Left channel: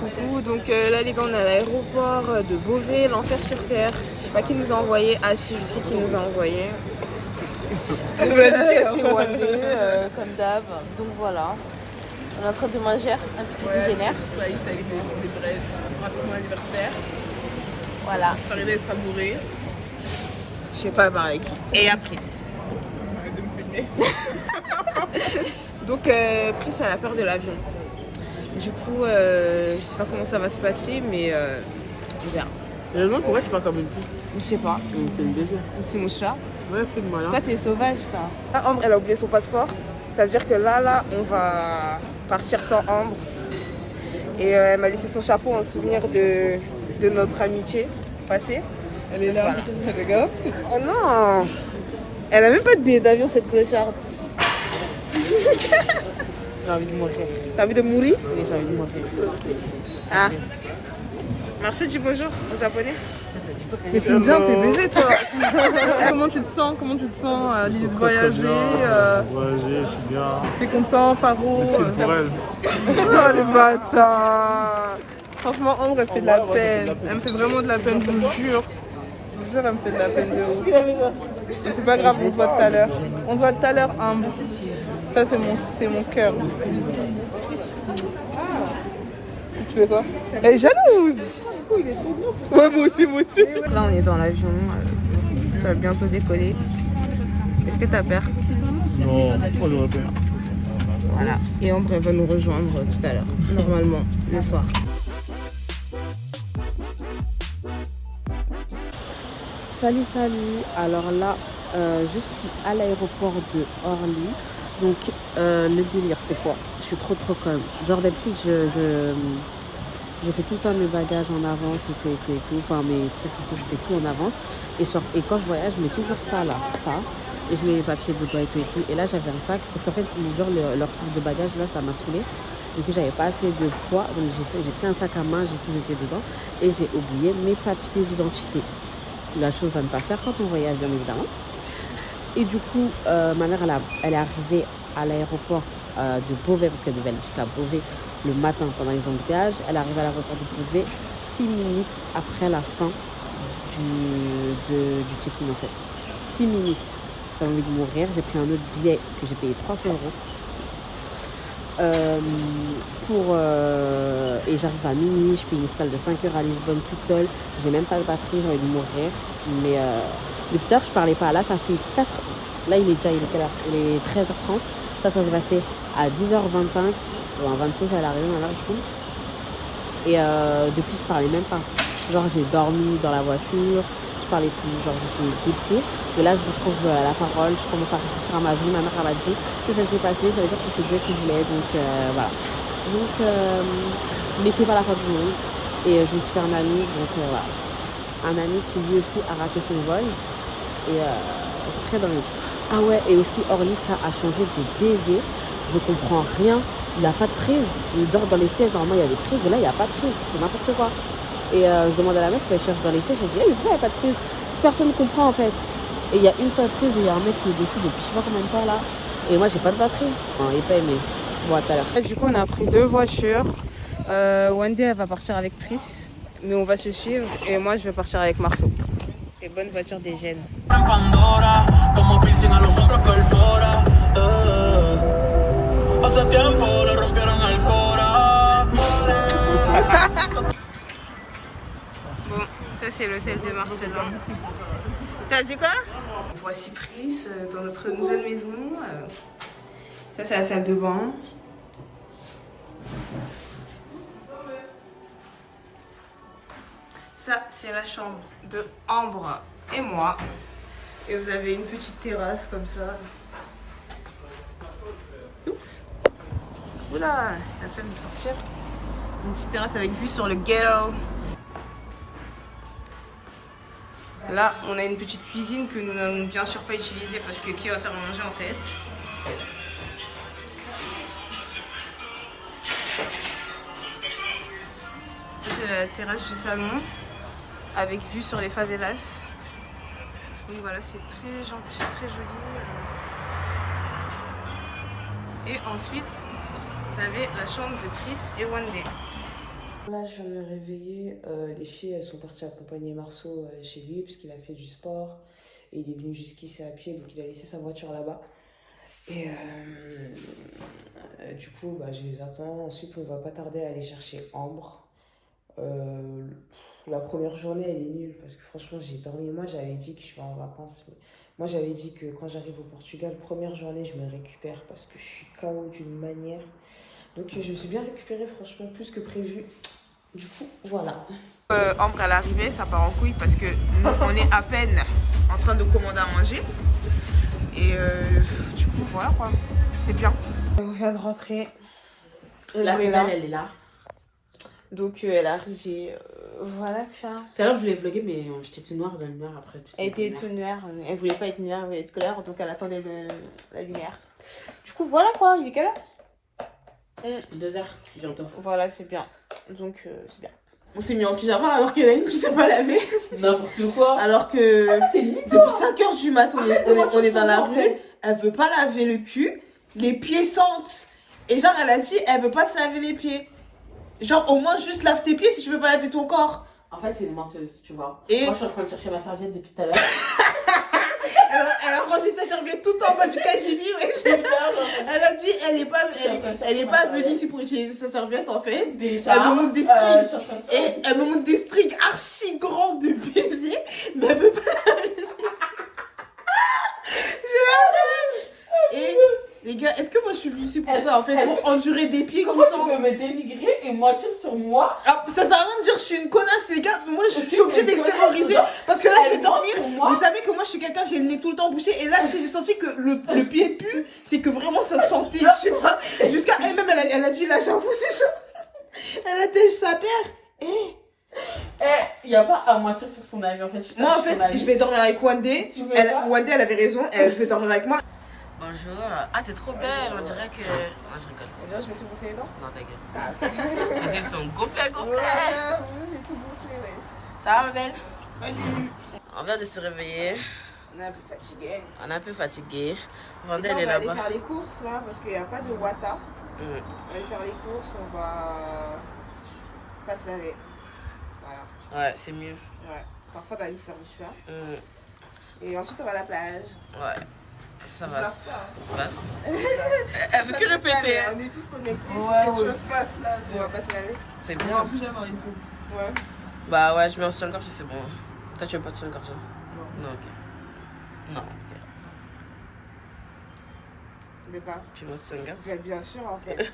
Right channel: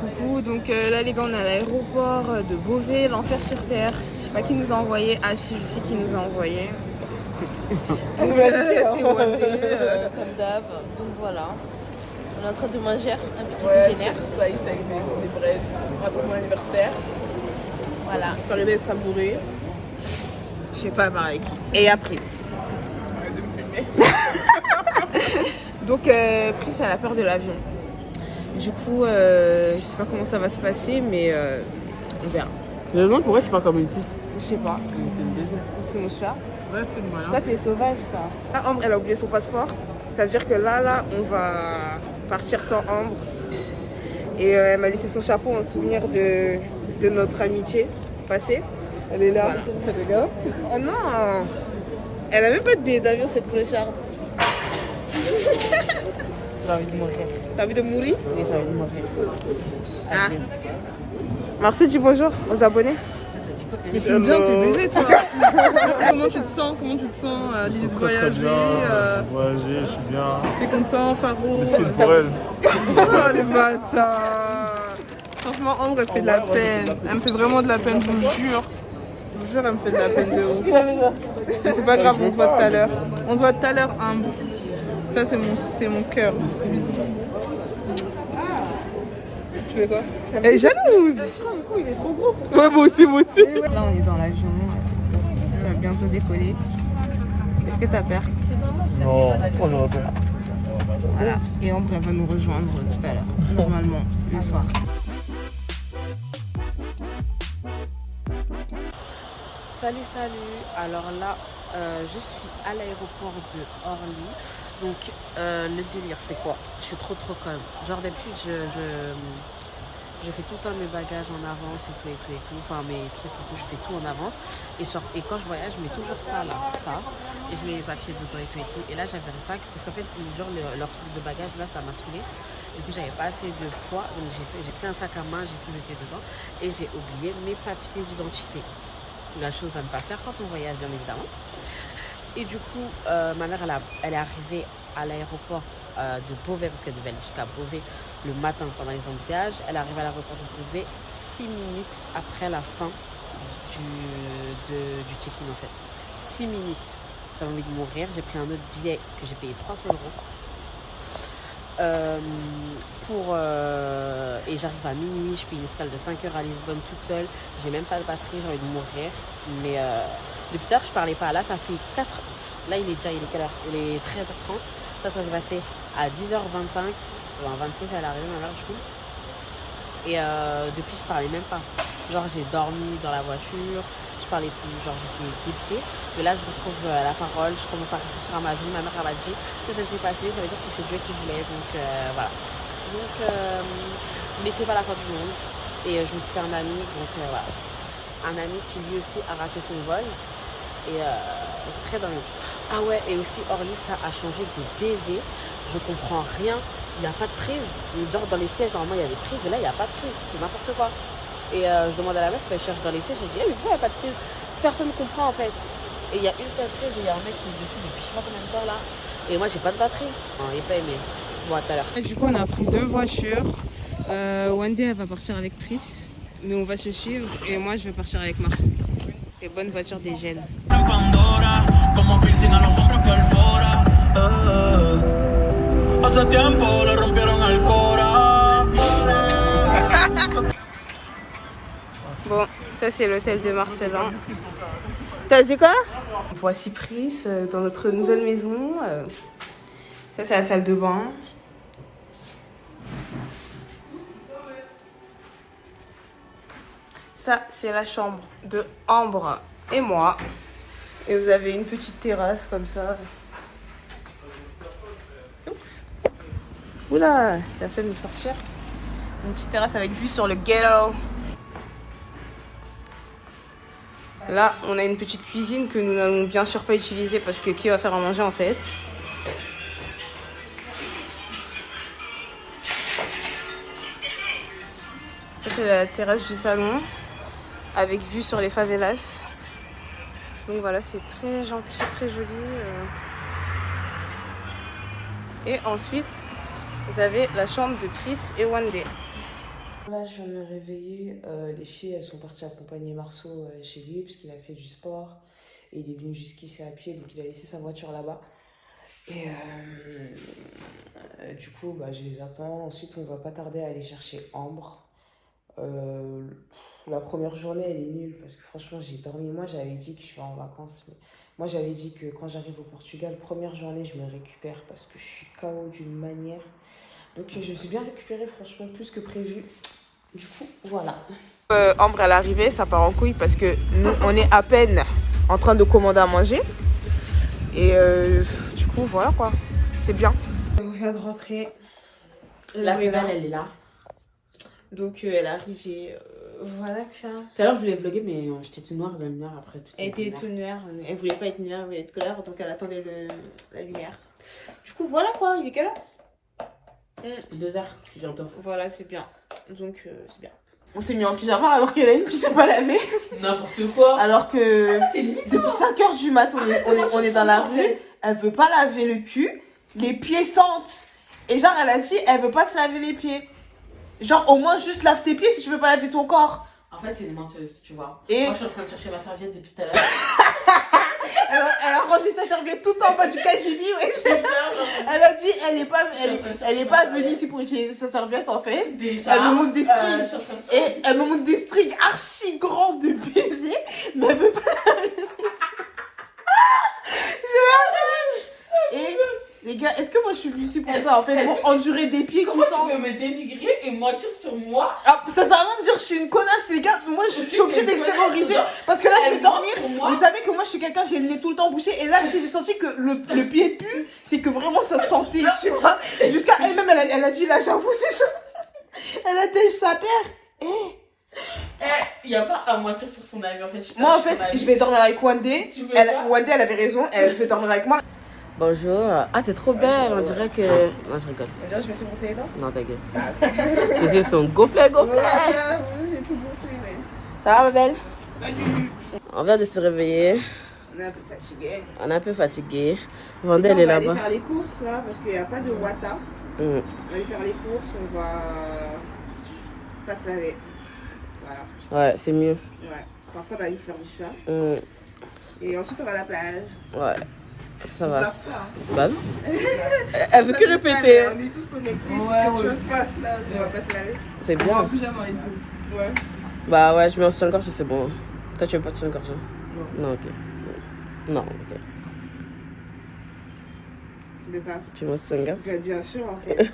Coucou, donc là les gars on est à l'aéroport de Beauvais, l'enfer sur terre. Je sais pas qui nous a envoyé, ah si je sais qui nous a envoyé. C'est Wandé, comme d'hab. Donc voilà, on est en train de manger un petit déjeuner. Des bread, on va faire mon anniversaire. Voilà. Karine sera bourrée. Je sais pas par qui. Et après. Arrête de me filmer. Donc Pris elle a peur de l'avion. Du coup, je sais pas comment ça va se passer, mais on verra. Je me demande pourquoi tu parles comme une pute. Je sais pas. T'es une baiser. C'est les chats. Ouais, c'est malin. Toi, t'es sauvage, toi. Ah, Ambre, elle a oublié son passeport. Ça veut dire que là, on va partir sans Ambre. Et elle m'a laissé son chapeau en souvenir de notre amitié passée. Elle est là. Voilà. Regarde. Oh non! Elle a même pas de billet d'avion, cette clocharde. J'ai envie de mourir. T'as envie de mourir? Oui, j'ai envie de mourir. Ah. Merci, dis bonjour aux abonnés. Mais c'est bien, t'es baisé, toi. Comment tu te sens? Je me sens très bien. Voyager, je suis bien. Tu es content, Faro? Mesquine pour elle. Oh le bâtard! Franchement, Ambre, elle fait de la peine. Elle me fait vraiment de la peine, je vous jure. Je vous jure, elle me fait de la peine de ouf. Mais c'est pas grave, on se voit tout à l'heure. On se voit tout à l'heure, Ambre. Ça, c'est mon cœur. Tu fais quoi? Elle est jalouse! Il est trop gros. Ouais, moi aussi. Là, on est dans l'avion. Ça va bientôt décoller. Est-ce que t'as peur? Non, oh non. Voilà. Et Ambre, elle va nous rejoindre tout à l'heure. Normalement, le soir. Salut. Alors là, je suis à l'aéroport de Orly. Donc, le délire, c'est quoi? Je suis trop comme. Genre, d'habitude, je fais tout le temps mes bagages en avance et tout. Enfin, mes trucs et tout, je fais tout en avance. Et quand je voyage, je mets toujours ça là, ça. Et je mets mes papiers dedans et tout. Et là, j'avais un sac, parce qu'en fait, leur truc de bagages, là, ça m'a saoulé. Du coup, j'avais pas assez de poids. Donc, j'ai pris un sac à main, j'ai tout jeté dedans. Et j'ai oublié mes papiers d'identité. La chose à ne pas faire quand on voyage, bien évidemment. Et du coup, ma mère, elle est arrivée à l'aéroport de Beauvais, parce qu'elle devait aller jusqu'à Beauvais le matin pendant les embouteillages. Elle est arrivée à l'aéroport de Beauvais 6 minutes après la fin du check-in en fait. 6 minutes. J'avais envie de mourir. J'ai pris un autre billet que j'ai payé 300 €. Et j'arrive à minuit, je fais une escale de 5 heures à Lisbonne toute seule. J'ai même pas de batterie, j'ai envie de mourir. Mais depuis tard, je parlais pas. Là, ça fait 4. Là, il est quelle heure? Il est 13h30. Ça s'est passé à 10h25. En 26, elle est arrivée, ma mère, du coup. Et depuis, je parlais même pas. Genre, j'ai dormi dans la voiture. Je parlais plus. Genre, j'étais dépitée. Mais là, je retrouve la parole. Je commence à réfléchir à ma vie. Ma mère, elle m'a dit, si ça s'est passé, ça veut dire que c'est Dieu qui voulait. Donc, voilà. Donc, mais c'est pas la fin du monde. Et je me suis fait un ami. Donc, voilà. Un ami qui, lui aussi, a raté son vol. Et c'est très dingue. Ah ouais, et aussi Orly, ça a changé de baiser. Je comprends rien. Il n'y a pas de prise. Genre dans les sièges, normalement, il y a des prises. Et là, il n'y a pas de prise. C'est n'importe quoi. Et je demande à la meuf, elle cherche dans les sièges. Je dis, mais pourquoi il n'y a pas de prise? Personne ne comprend en fait. Et il y a une seule prise et il y a un mec qui est dessus depuis je sais pas combien de temps là. Et moi, j'ai pas de batterie. Il n'est pas aimé. Bon, à tout à l'heure. Du coup, on a pris 2 voitures. Wandé, elle va partir avec Pris. Mais on va se suivre. Et moi, je vais partir avec Marceau. Et bonne voiture des jeunes. Bon, ça c'est l'hôtel de Marcelin. T'as dit quoi? Voici Pris dans notre nouvelle maison. Ça c'est la salle de bain. Ça c'est la chambre de Ambre et moi. Et vous avez une petite terrasse comme ça. Oups. Oula, la fait me sortir. Une petite terrasse avec vue sur le ghetto. Là, on a une petite cuisine que nous n'allons bien sûr pas utiliser parce que qui va faire à manger en fait? Ça c'est la terrasse du salon avec vue sur les favelas. Donc voilà, c'est très gentil, très joli. Et ensuite, vous avez la chambre de Pris et Wandé. Là, je viens de me réveiller. Les filles, elles sont parties accompagner Marceau chez lui parce qu'il a fait du sport. Et il est venu jusqu'ici à pied, donc il a laissé sa voiture là-bas. Et du coup, bah, je les attends. Ensuite, on va pas tarder à aller chercher Ambre. La première journée, elle est nulle parce que franchement, j'ai dormi. Moi, j'avais dit que je vais en vacances. Mais moi, j'avais dit que quand j'arrive au Portugal, première journée, je me récupère parce que je suis KO d'une manière. Donc, je me suis bien récupérée, franchement, plus que prévu. Du coup, voilà. Ambre, elle est arrivée, ça part en couille parce que nous, on est à peine en train de commander à manger. Et du coup, voilà quoi. C'est bien. On vient de rentrer. La finale, elle est là. Donc, elle est arrivée. Voilà quoi. Tout à l'heure, je voulais vlogger, mais j'étais toute noire dans la lumière après. Elle était toute noire. Elle voulait pas être noire, elle voulait être claire. Donc, elle attendait la lumière. Du coup, voilà quoi. Il est quelle heure 2h bientôt. Voilà, c'est bien. Donc, c'est bien. On s'est mis en pyjama alors qu'il y en a une qui s'est pas lavée. N'importe quoi. Alors que depuis 5h du mat, on est dans la rue. Elle veut pas laver le cul. Les pieds sentent. Et genre, elle a dit, elle veut pas se laver les pieds. Genre, au moins, juste lave tes pieds si tu veux pas laver ton corps. En fait, c'est une menteuse, tu vois. Et moi, je suis en train de chercher ma serviette depuis tout à l'heure. elle a rangé sa serviette tout en bas du cagibi. Elle a dit, elle est pas venue ici pour utiliser sa serviette en fait. Déjà, elle me montre des strings. Et elle me montre des strings archi grands de baiser. Mais elle veut pas laver ses pieds. J'ai la rage. Et les gars, est-ce que moi je suis venue ici pour ça en fait, pour endurer des pieds qui sentent? Tu peux me dénigrer et mentir sur moi? Ah, ça sert à rien de dire je suis une connasse les gars. Moi je suis obligée d'extérioriser parce que là je vais dormir. Vous savez que moi je suis quelqu'un, j'ai le nez tout le temps bouché. Et là si j'ai senti que le pied pue, c'est que vraiment ça sentait, tu vois. Jusqu'à elle-même elle a dit là j'avoue c'est ça. Elle a têche sa paire. Il n'y a pas à mentir sur son ami en fait. Moi en fait je vais dormir avec Wandé. Wandé elle avait raison, elle veut dormir avec moi. Bonjour. Ah, t'es trop belle, on dirait que... Non, je rigole. Déjà, je me suis brossé les dents. Non, ta gueule. Tes yeux sont gonflés. Ouais, j'ai tout gonflé, ouais. Ça va, ma belle? Salut. On vient de se réveiller. On est un peu fatigué. On est un peu fatigué. Vendée, elle est là-bas. On va aller faire les courses, là, parce qu'il n'y a pas de Wata. On va aller faire les courses, on va pas se laver. Voilà. Ouais, c'est mieux. Ouais. Parfois, on va aller faire du chat. Et ensuite, on va à la plage. Ouais. Ça va. Bah non. Elle veut que répéter. On est tous connectés sur cette chose passe là. On va pas se laver. C'est bien. Ouais. Bah ouais, je mets en soutien-gorge si c'est bon. Toi, tu veux pas de soutien-gorge? Non, ok. Non, ok. De quoi? Tu veux un soutien-gorge? Bien sûr, en fait.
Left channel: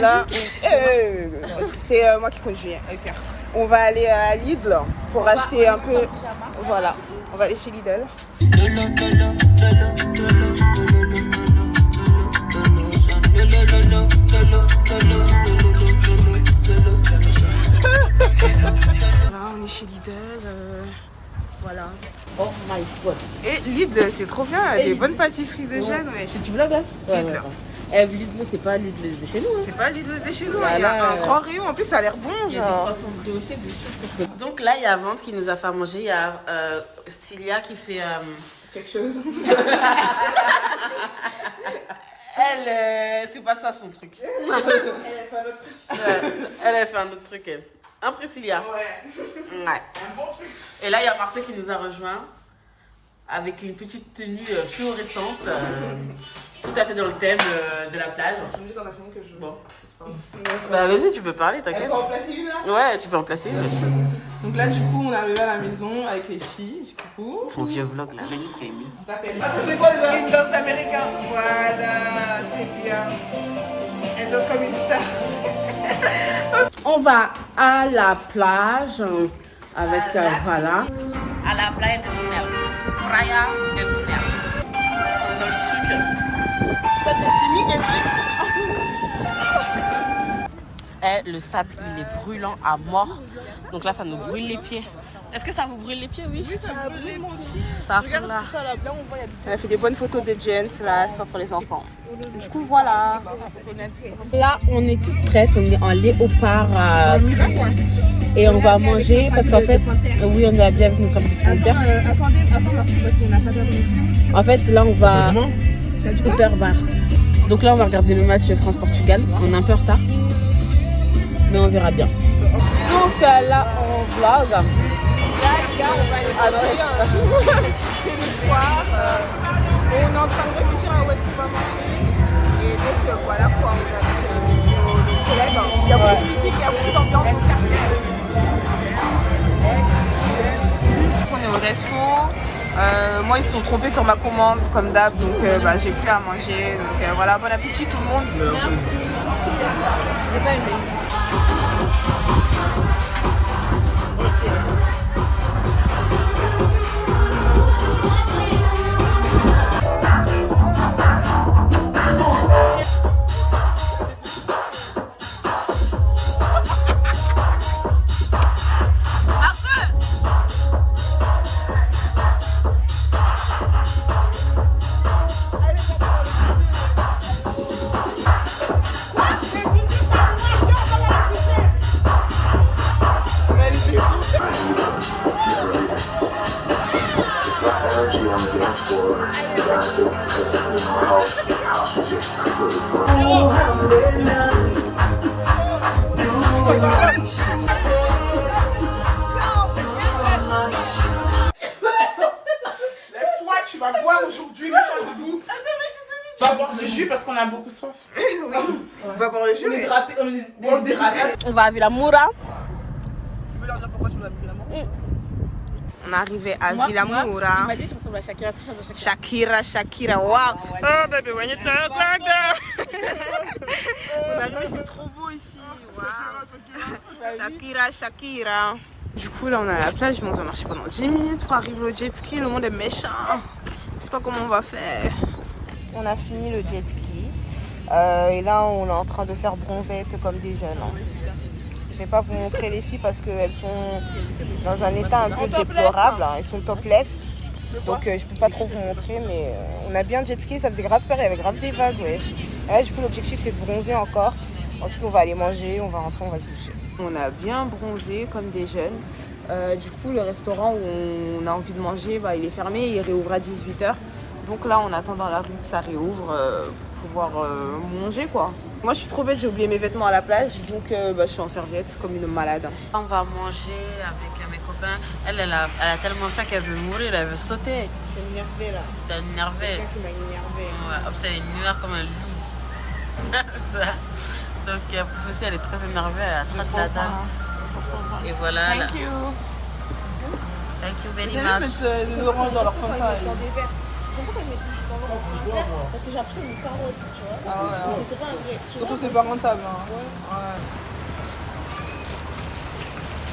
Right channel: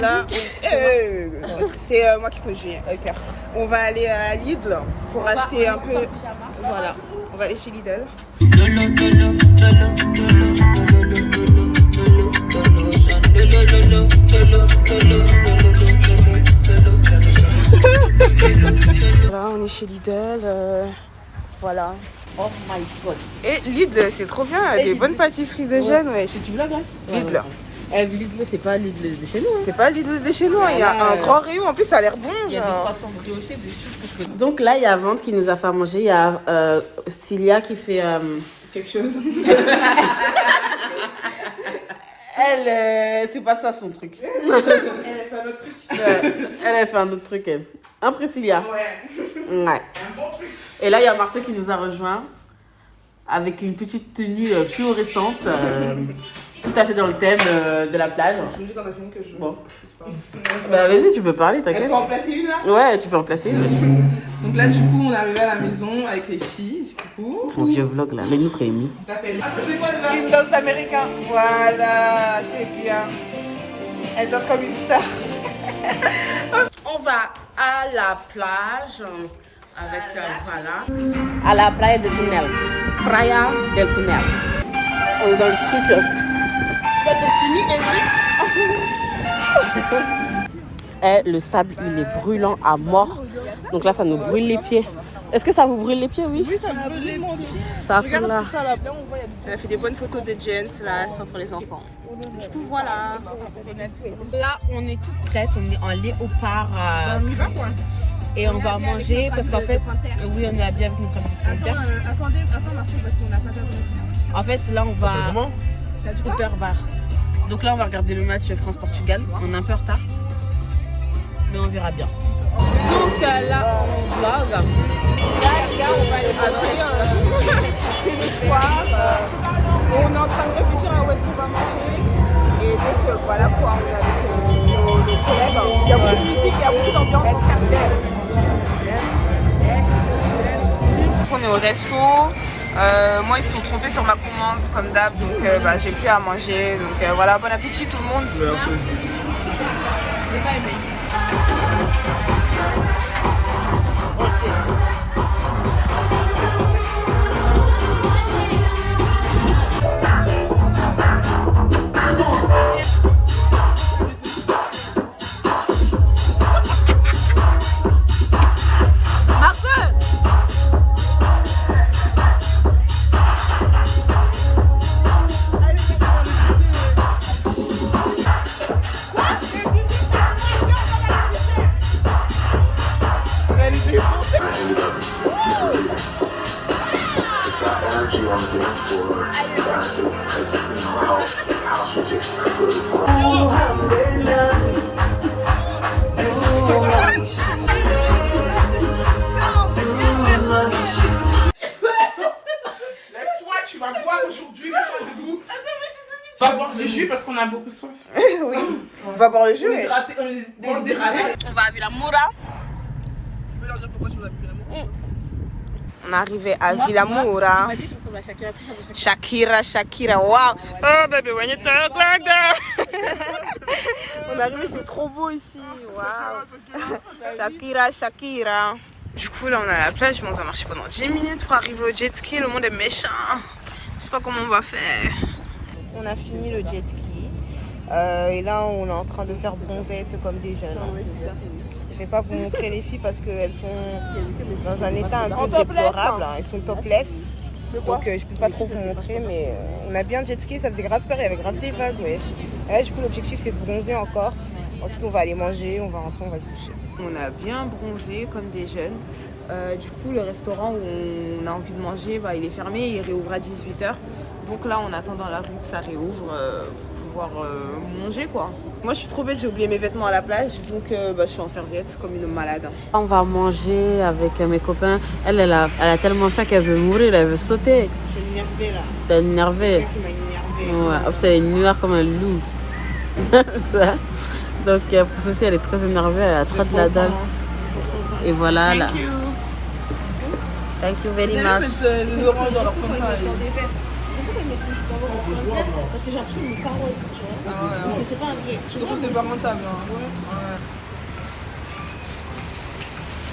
Là, c'est moi qui conduis. Okay. On va aller à Lidl pour acheter un peu. Voilà. On va aller chez Lidl. Là, on est chez Lidl. Voilà. Oh my god. Et Lidl, c'est trop bien. Des bonnes pâtisseries de jeunes. Ouais. Tu vlogs là? Lidl. Lidl, c'est pas Lidl de chez nous. Hein. C'est pas Lidl de chez nous. Il y a un grand rayon. En plus, ça a l'air bon. Il y a des croissants briochés, des choses que je... Donc là, il y a Vente qui nous a fait manger. Il y a Stylia qui fait... quelque chose. Elle, c'est pas ça son truc. Elle a fait un autre truc, elle. Hein, Priscilla? Ouais. Et là, il y a Marceau qui nous a rejoint avec une petite tenue fluorescente, tout à fait dans le thème de la plage. Bon. Bah, vas-y, tu peux parler, t'inquiète. Tu peux en placer une là? Ouais, tu peux en placer une aussi. Donc là, du coup, on est arrivé à la maison avec les filles, du coup. Son vieux vlog là, le nôtre est émis. C'est quoi déjà? Une danse américaine. Voilà, c'est bien. Elle danse comme une star. On va à la plage avec, voilà, à la playa del Tunel. Playa del Tunel. On est dans le truc. Ça, c'est Jimi Hendrix. Et le sable, il est brûlant à mort. Donc là, ça nous brûle les pieds. Est-ce que ça vous brûle les pieds? Oui, ça brûle les pieds. Ça fait là. On a fait des bonnes photos de Jens, là, c'est pas pour les enfants. Du coup, voilà. Là, on est toutes prêtes. On est en léopard. Et on va manger parce qu'en fait, oui, on est habillés avec notre habit de Cooper. Attendez, parce qu'on n'a pas d'adresse. En fait, là, on va Cooper Bar. Donc là, on va regarder le match France-Portugal. On est un peu en retard. Mais on verra bien. Donc là, on vlog. Là, on va aller manger. C'est le soir. On est en train de réfléchir à où est-ce qu'on va manger. Et donc voilà quoi, on est avec nos collègues. Il y a beaucoup de musique, il y a beaucoup d'ambiance dans ce quartier. On est au resto. Moi, ils se sont trompés sur ma commande, comme d'hab. Donc, j'ai plus à manger. Donc, voilà, bon appétit tout le monde. J'ai pas aimé. Tu vas boire aujourd'hui, mets-toi debout. Tu vas boire du jus parce qu'on a beaucoup soif. Oui, on va boire le jus. On est dératé. On va à Villamoura. Tu peux leur dire pourquoi tu vas à Villamoura? On est arrivé à Villamoura. On m'a dit que je ressemble à Shakira. Shakira, waouh. Oh baby, when you talk like that. On est arrivé, c'est trop beau ici. Waouh. Shakira. Du coup, là, on est à la plage, mais on doit marcher pendant 10 minutes pour arriver au jet ski. Le monde est méchant. Je sais pas comment on va faire. On a fini le jet ski. Et là, on est en train de faire bronzette comme des jeunes. Je vais pas vous montrer les filles parce qu'elles sont dans un état un peu déplorable. Elles sont topless. Donc, je peux pas trop vous montrer. Mais on a bien jet ski. Ça faisait grave peur. Il y avait grave des vagues. Ouais. Et là, du coup, l'objectif, c'est de bronzer encore. Ensuite, on va aller manger. On va rentrer. On va se doucher. On a bien bronzé comme des jeunes. Du coup, le restaurant où on a envie de manger, il est fermé. Il réouvre à 18h. Donc là, on attend dans la rue que ça réouvre pour pouvoir manger, quoi. Moi, je suis trop bête. J'ai oublié mes vêtements à la plage. Donc, je suis en serviette comme une malade. On va manger avec mes copains. Elle a tellement faim qu'elle veut mourir. Elle veut sauter. T'es énervée, là. T'es énervée. Quelqu'un qui m'a énervée. Ouais, c'est une noire comme un loup. Donc pour ceci, elle est très énervée, elle a trop de la dalle. Et voilà là. Thank you very much. J'aime pas quand ils mettent du dans leur verre. Parce que j'ai appris une carotte, tu vois. Donc c'est pas un vrai. Surtout c'est pas rentable.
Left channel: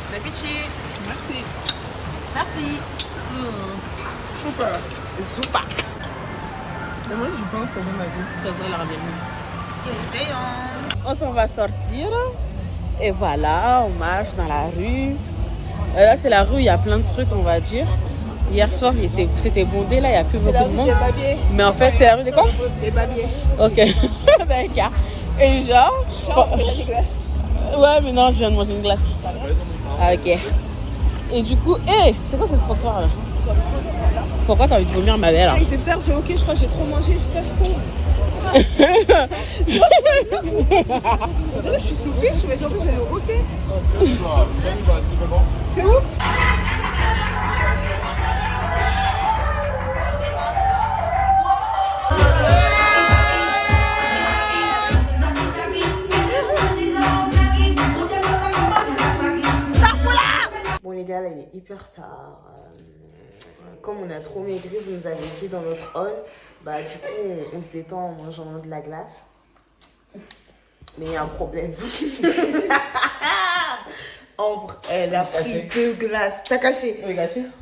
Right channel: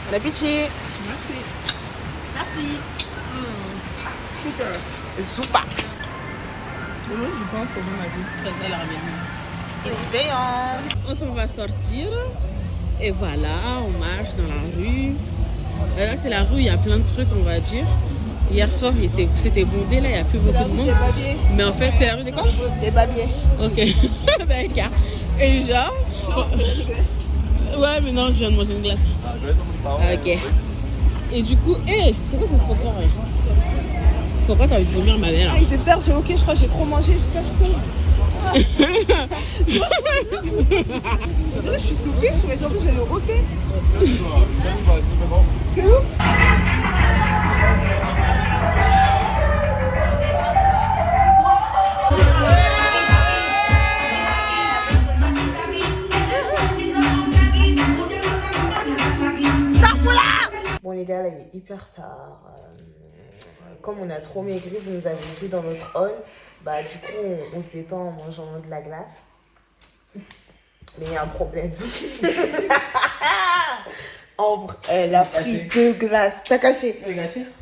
Bon appétit. Merci. Merci. Super. Zoupa. Mais moi je pense qu'on va ma vie. Ça va leur bien. It's payant. On s'en va sortir. Et voilà, on marche dans la rue. Là, c'est la rue, il y a plein de trucs, on va dire. Hier soir, c'était bondé, là, il n'y a plus beaucoup de monde. Mais en fait, c'est la rue des quoi? Des babiers. Ok, d'accord. Et genre... Ouais, mais non, je viens de manger une glace. Ah, ok. Et du coup, c'est quoi ce trottoir là? Pourquoi t'as envie de vomir, ma belle? Ah, il était tard, j'ai ok, je crois que j'ai trop mangé jusqu'à ce que je suis sous pied, mais en plus j'ai le ok. C'est où? Bon les gars, là il est hyper tard. Comme on a trop maigri, vous nous avez dit dans notre hall, du coup on se détend en mangeant de la glace. Mais il y a un problème. Ambre, elle a pris 2 glaces. T'as caché?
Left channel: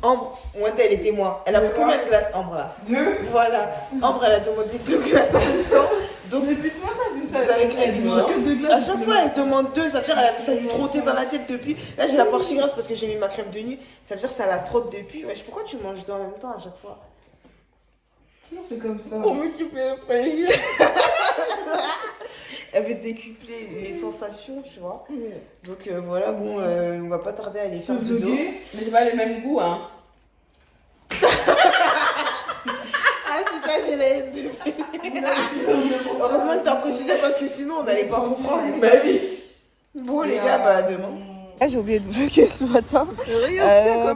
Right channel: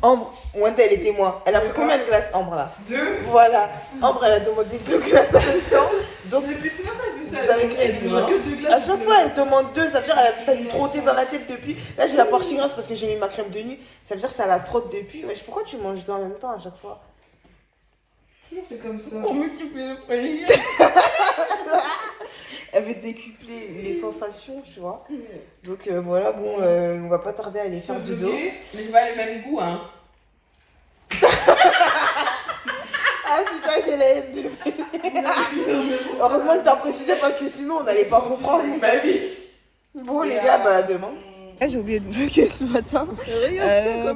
Ambre, moi elle était moi. Elle a pris combien de glaces, Ambre là? 2. Voilà. Ambre, elle a demandé 2 glaces en même temps. Donc, vous avez créé du genre. À chaque fois, elle demande 2. Ça veut dire ça lui trottait dans la tête depuis. Là, j'ai la portion grasse parce que j'ai mis ma crème de nuit. Ça veut dire que ça la trotte depuis. Wesh, pourquoi tu manges 2 en même temps à chaque fois? C'est comme ça. Pour multiplier le plaisir. Elle veut décupler les sensations, tu vois. Donc voilà, bon, on va pas tarder à aller faire du dos. Mais c'est pas le même goût, hein. Ah putain, j'ai la haine de... Heureusement que t'as précisé parce que sinon on n'allait pas comprendre. Bah oui. Bon les gars, bah demain. J'ai oublié de vlogger ce matin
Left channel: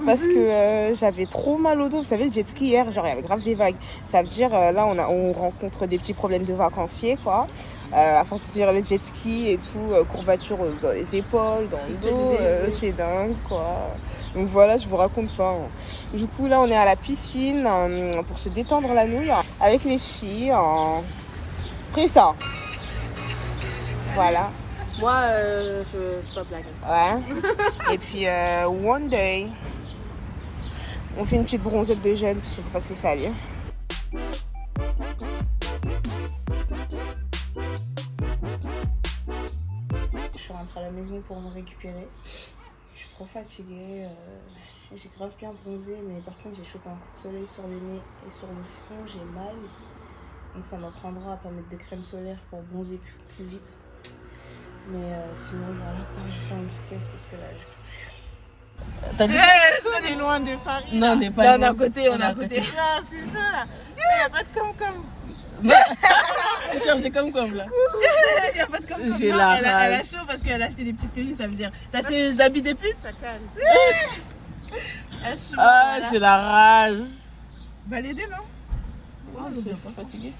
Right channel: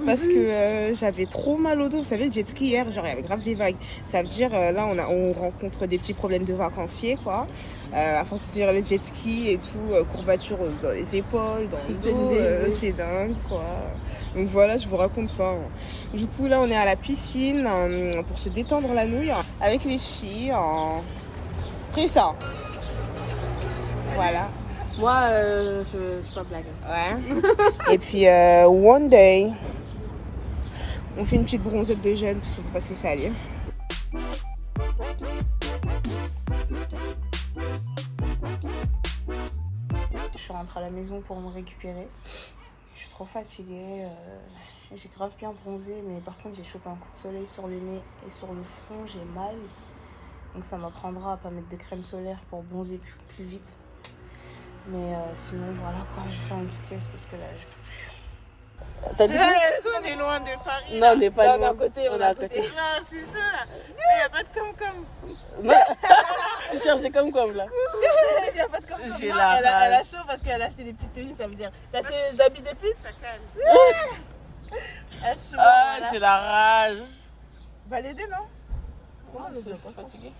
parce que j'avais trop mal au dos. Vous savez, le jet ski hier, genre il y avait grave des vagues. Ça veut dire là on rencontre des petits problèmes de vacanciers quoi. À force de tirer le jet ski et tout, courbatures dans les épaules, dans le dos, c'est dingue quoi. Donc voilà, je vous raconte pas. Hein. Du coup là on est à la piscine pour se détendre la nouille avec les filles. Pris ça. Voilà. Moi, je suis pas blague. Ouais. Et puis, one day, on fait une petite bronzette de jeûne parce qu'il faut pas se laisser aller. Je suis rentrée à la maison pour me récupérer. Je suis trop fatiguée. J'ai grave bien bronzé, mais par contre, j'ai chopé un coup de soleil sur le nez et sur le front. J'ai mal. Donc, ça m'apprendra à pas mettre de crème solaire pour bronzer plus vite. Mais sinon, voilà quoi, je vais faire une petite sieste parce que là, je peux plus. T'as dit On est loin de Paris. Non, t'es pas loin. à côté, On est à côté. Non, c'est ça là. Il n'y a pas de com-com. Tu cherches des com-com là. Il n'y a pas de com-com. J'ai la elle rage. a chaud parce qu'elle a acheté des petites tenues, ça veut dire. T'as acheté des habits de pute, ça calme. Ah, j'ai la rage. Va l'aider, non? Je suis fatiguée.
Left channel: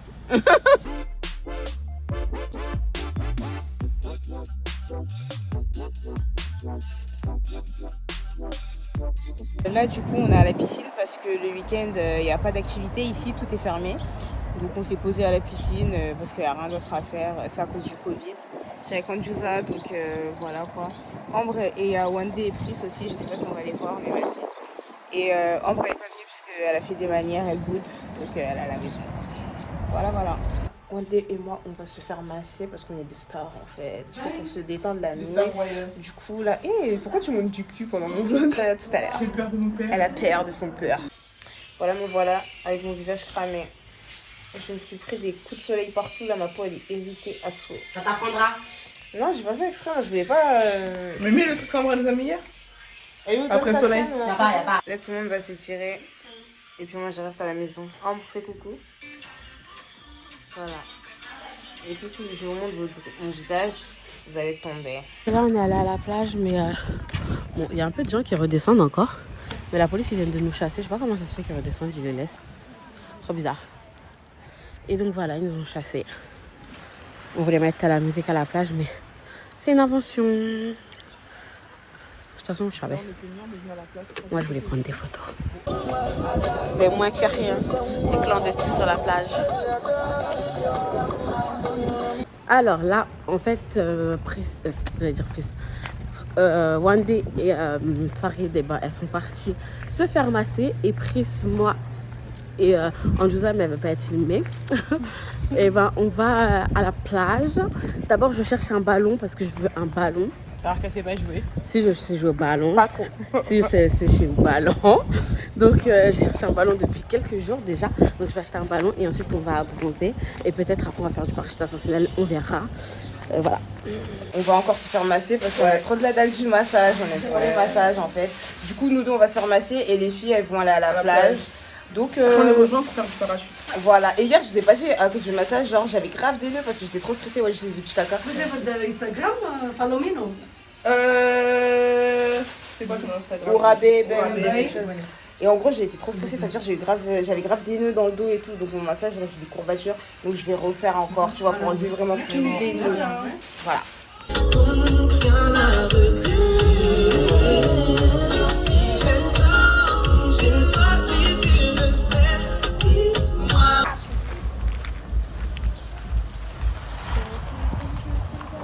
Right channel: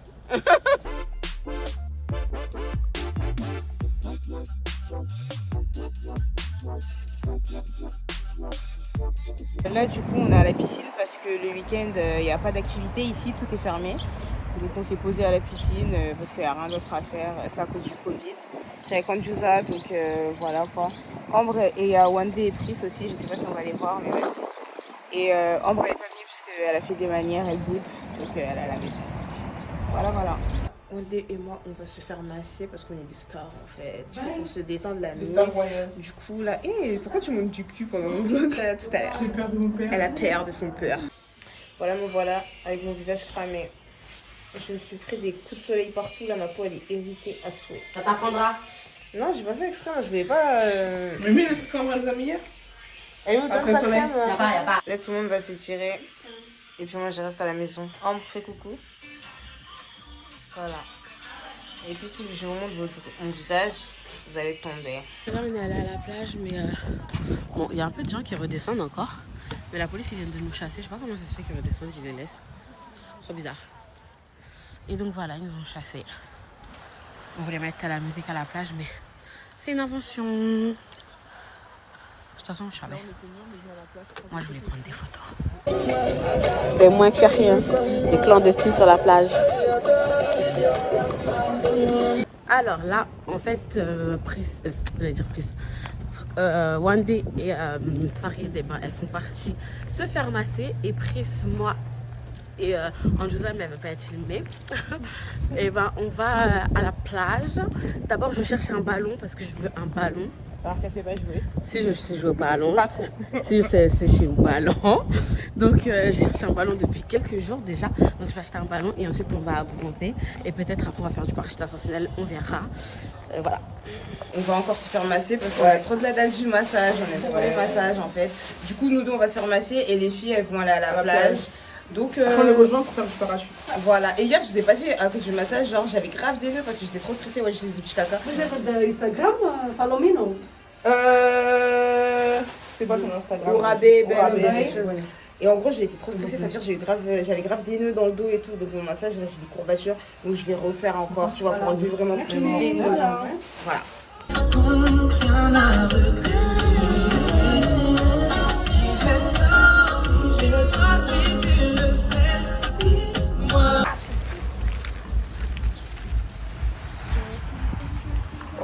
Là du coup on est à la piscine parce que le week-end il n'y a pas d'activité ici, tout est fermé. Donc on s'est posé à la piscine parce qu'il n'y a rien d'autre à faire, c'est à cause du Covid. C'est avec Andjouza, donc voilà quoi. Ambre et Wande et Pris aussi, je sais pas si on va les voir. Mais aussi. Et Ambre n'est pas venue parce qu'elle a fait des manières, elle boude, donc elle est à la maison. Voilà. Wande et moi, on va se faire masser parce qu'on est des stars en fait. Il faut qu'on se détende la nuit. Du coup, là. Pourquoi tu montes du cul pendant mon vlog? Tout à l'heure. Elle a peur de son peur. Voilà, me voilà avec mon visage cramé. Je me suis pris des coups de soleil partout. Là, ma peau elle est irritée à souhait. Ça t'apprendra. Non, j'ai pas fait exprès. Moi, je voulais pas. Mais mets le truc comme on nous a mis hier. Elle est où? Donne ta crème. Y'a pas. Là, tout le monde va s'étirer. Et puis moi, je reste à la maison. Ambre, fais coucou. Voilà. Et puis si je vous montre mon visage, vous allez tomber. Là, on est allé à la plage, mais bon, il y a un peu de gens qui redescendent encore. Mais la police, ils viennent de nous chasser. Je sais pas comment ça se fait qu'ils redescendent, ils les laissent. Trop bizarre. Et donc voilà, ils nous ont chassés. On voulait mettre la musique à la plage, mais c'est une invention. De toute façon, je savais. Moi, je voulais prendre des photos. Des moins que rien. Des clandestines sur la plage. Alors là, en fait, Wande et Farid, elles sont parties se faire masser. Et Pris, moi et Andjouza, mais elle ne veut pas être filmée. Et on va à la plage. D'abord, je cherche un ballon parce que je veux un ballon. Alors qu'elle sait pas jouer. Si je sais jouer au ballon, Pas trop. si je sais jouer au ballon. Donc j'ai cherché un ballon depuis quelques jours déjà. Donc je vais acheter un ballon et ensuite on va bronzer. Et peut-être après on va faire du parcours ascensionnel, on verra. Voilà. On va encore se faire masser parce qu'on a trop de la dalle du massage. On aime trop les massages en fait. Du coup, nous deux on va se faire masser et les filles elles vont aller à la plage. Donc On les rejoint pour faire du parachute. Voilà. Et hier je vous ai pas dit à cause du massage, genre j'avais grave des nœuds parce que j'étais trop stressée. Ouais, j'ai des petits caca. Instagram, Palomino. C'est quoi ton Instagram? Orabé, quelque chose. Et en gros, j'ai été trop stressée, ça veut dire que j'avais grave des nœuds dans le dos et tout. Donc mon massage, là, j'ai des courbatures. Donc je vais refaire encore, tu vois, pour enlever vraiment tous les nœuds. Voilà.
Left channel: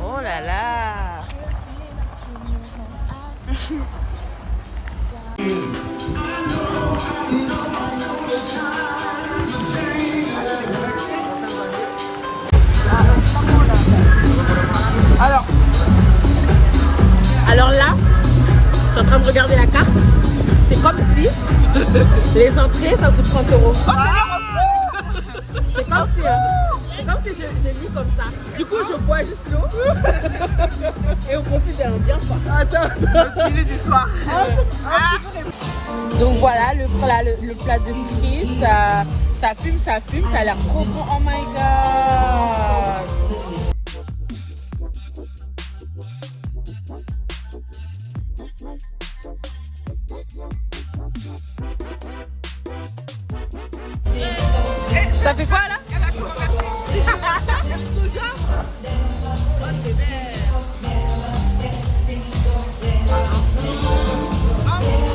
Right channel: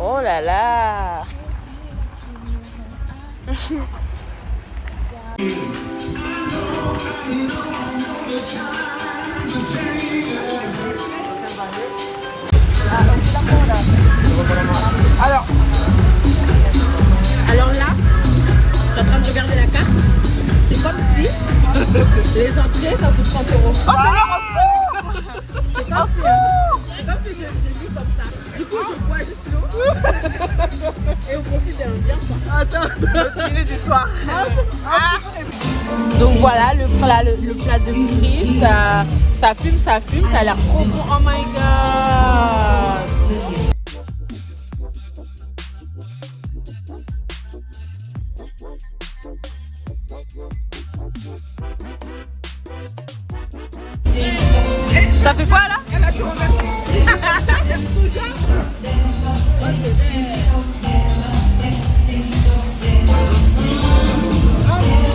Oh là là. Alors là, je suis en train de regarder la carte. C'est comme si les entrées, ça coûte 30 €. Oh Seigneur, au secours! C'est comme si je vis comme ça. Du coup, je bois juste l'eau et on profite de l'ambiance. Attends, notre dîner du soir. Ah. Donc voilà, le plat de Pris, ça fume, ça a l'air trop bon. Oh my god! Ça fait quoi là? Elle a tout remercié.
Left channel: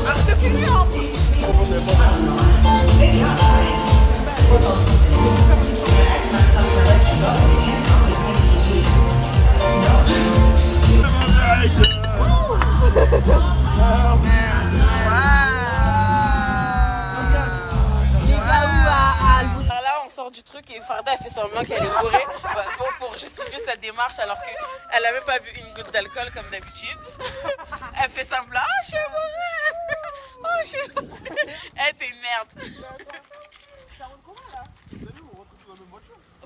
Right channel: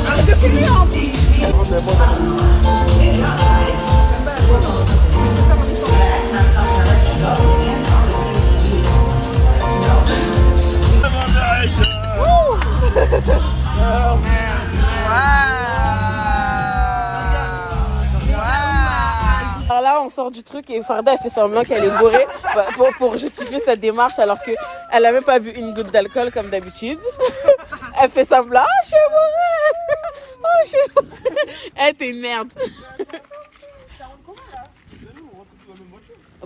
Alors de finir en plus. Alors là, on sort du truc et Farda elle fait semblant qu'elle est bourrée pour justifier sa démarche alors qu'elle n'a même pas bu une goutte d'alcool comme d'habitude. Elle fait semblant, oh, je suis bourrée. Oh, je suis bourrée. Eh, t'es une merde.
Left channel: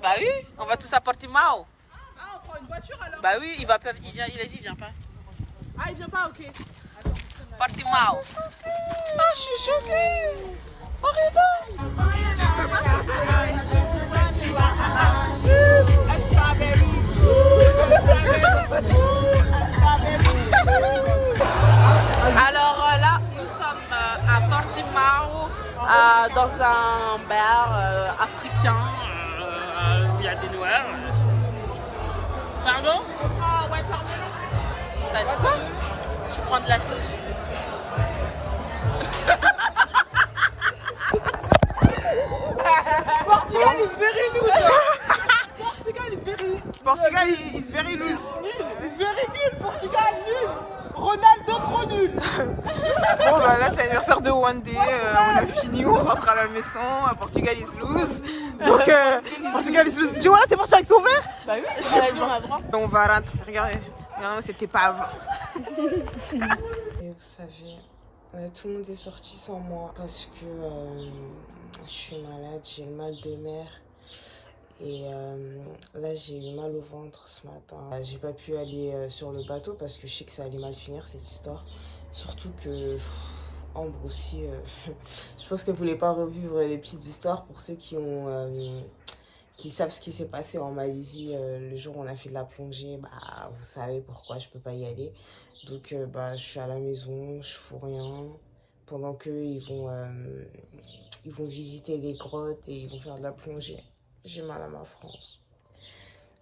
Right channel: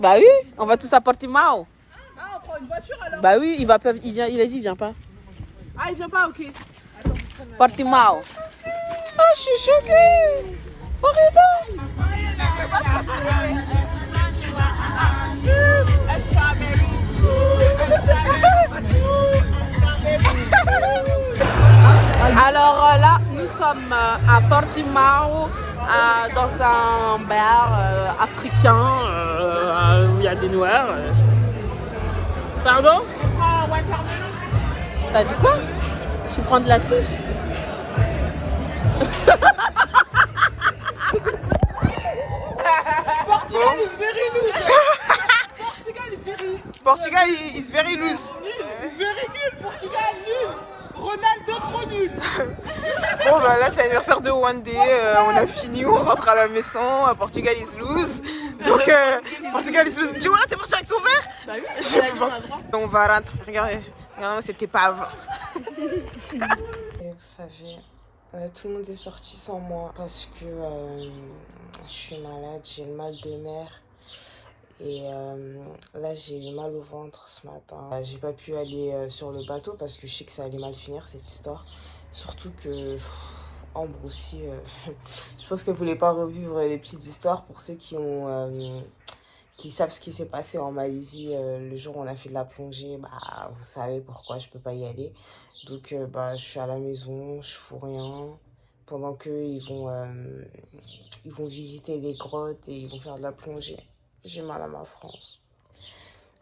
Bah oui, on va tous à Portimao. Ah, on prend une voiture alors? Bah oui, il a dit il vient pas. Ah, il vient pas, ok. Portimao. Oh, je suis choquée. Horrible. Alors là, nous sommes à Portimao, dans un bar africain où il y a des noirs. Pardon? Je prends watermelon. T'as dit quoi? Tu prends de la chiche? Portugal is very loose. Portugal is very loose. Is very nul. Portugal nul. Ronaldo trop nul. Bon bah là c'est l'anniversaire de One Day, on a fini, on rentre à la maison, Portugal is loose. Donc Portugal is loose. Tu vois là t'es parti avec ton verre? Bah oui, on a dit on a le droit. On va rentrer, regardez, c'était pas avant. Et vous savez, tout le monde est sorti sans moi parce que je suis malade, j'ai le mal de mer. Et là, j'ai eu mal au ventre ce matin. J'ai pas pu aller sur le bateau parce que je sais que ça allait mal finir cette histoire. Surtout que Ambre aussi, je pense qu'elle voulait pas revivre les petites histoires pour ceux qui savent ce qui s'est passé en Malaisie le jour où on a fait de la plongée. Bah, vous savez pourquoi je peux pas y aller. Donc, bah, je suis à la maison, je fous rien. Pendant qu'eux, ils vont visiter les grottes et ils vont faire de la plongée. J'ai mal à ma France.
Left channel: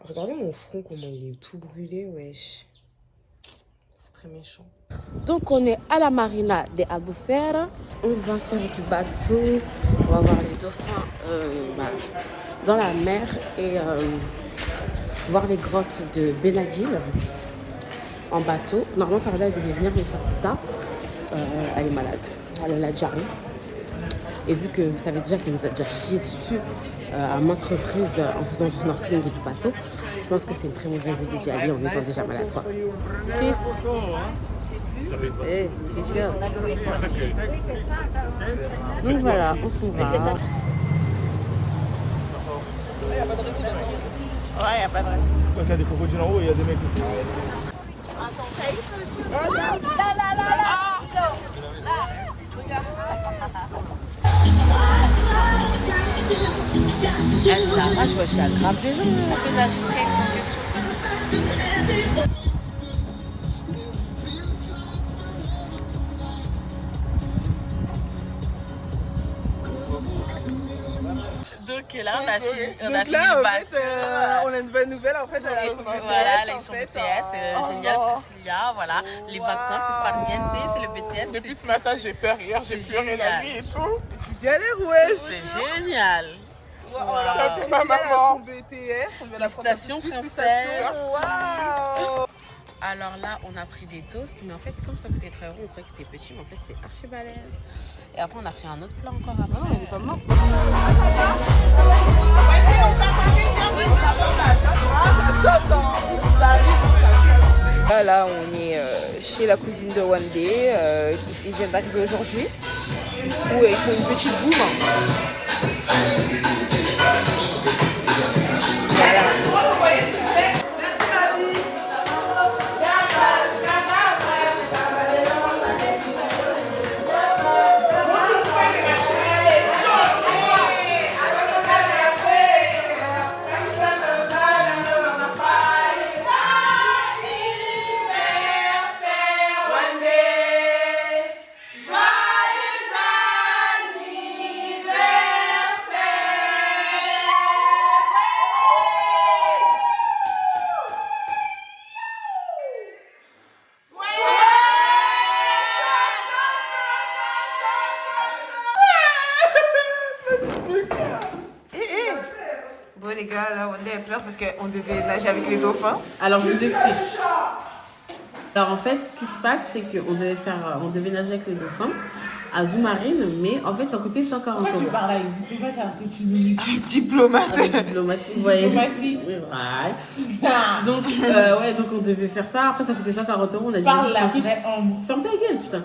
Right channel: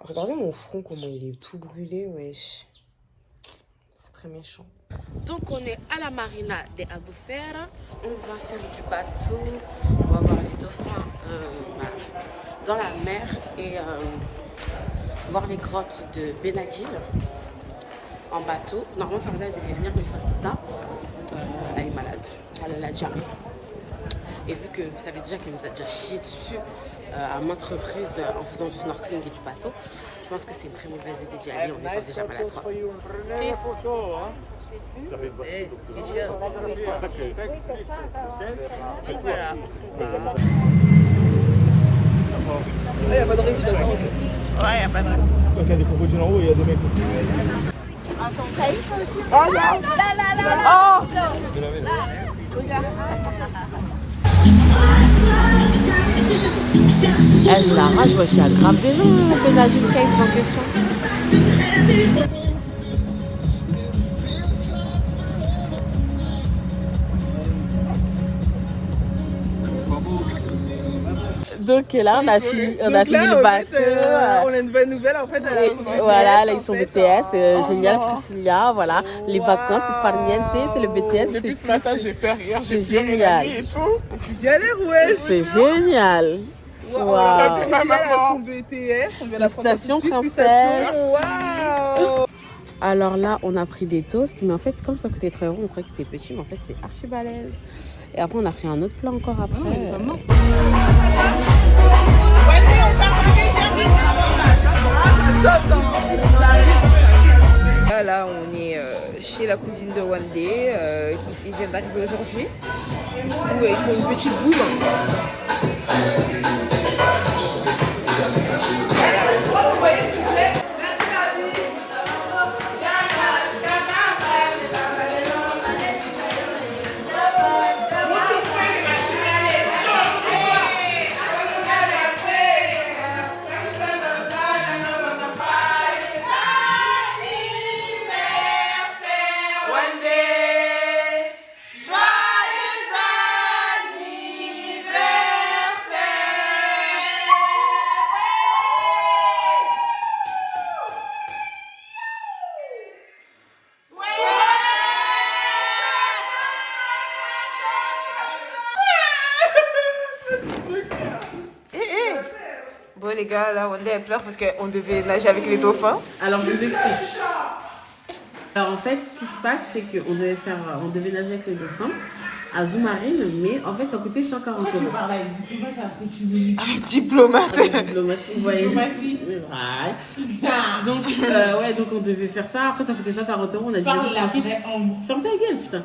Regardez mon front, comment il est tout brûlé, wesh. C'est très méchant. Donc on est à la marina de Albufeira. On va faire du bateau. On va voir les dauphins dans la mer et voir les grottes de Benadil en bateau. Normalement Farida devait venir mais Farida elle est malade. Elle a la diarrhée. Et vu que vous savez déjà qu'elle nous a déjà chié dessus à maintes reprises en faisant du snorkeling et du bateau, je pense que c'est une très mauvaise idée d'y aller en étant déjà malade. Peace. Donc voilà, on s'en va. Il n'y a pas de réseau, d'accord? Ouais, il n'y a pas de raison. Il y a des crocodiles en haut et il y a des mecs. Oh non! Elle la rage, je suis grave déjà un pénage de cave en question. Donc là, on a fini le bateau. On a une bonne nouvelle en fait. Voilà, là ils sont BTS, génial Priscilla, voilà. Les vacances, c'est farniente, c'est le BTS, Depuis c'est ce matin, tout. j'ai fait rire. C'est génial. Galère ouais. C'est génial. On a Waouh. pu payer à son BTS. On veut la Félicitations, prendre tout de suite, princesse. félicitations. Waouh. Alors là, on a pris des toasts, mais en fait, comme ça coûtait 3 €, on croyait que c'était petit, mais en fait, c'est archi balèze. Et après, on a pris un autre plat encore après. Là, on est chez la cousine de One Day. Ils viennent d'arriver aujourd'hui. Du coup, ils font une petite boum. les gars, là, Wanda elle pleure parce qu'on devait nager avec les dauphins. Alors, je vous explique. Alors, en fait, ce qui se passe, c'est qu'on devait nager avec les dauphins à Zoumarine, mais en fait, ça coûtait 140 euros. Avec diplomate. Diplomate, vous voyez. Ouais. Donc on devait faire ça. Après, ça coûtait 140 euros. On a dit, vas-y, tranquille. Ferme ta gueule, putain.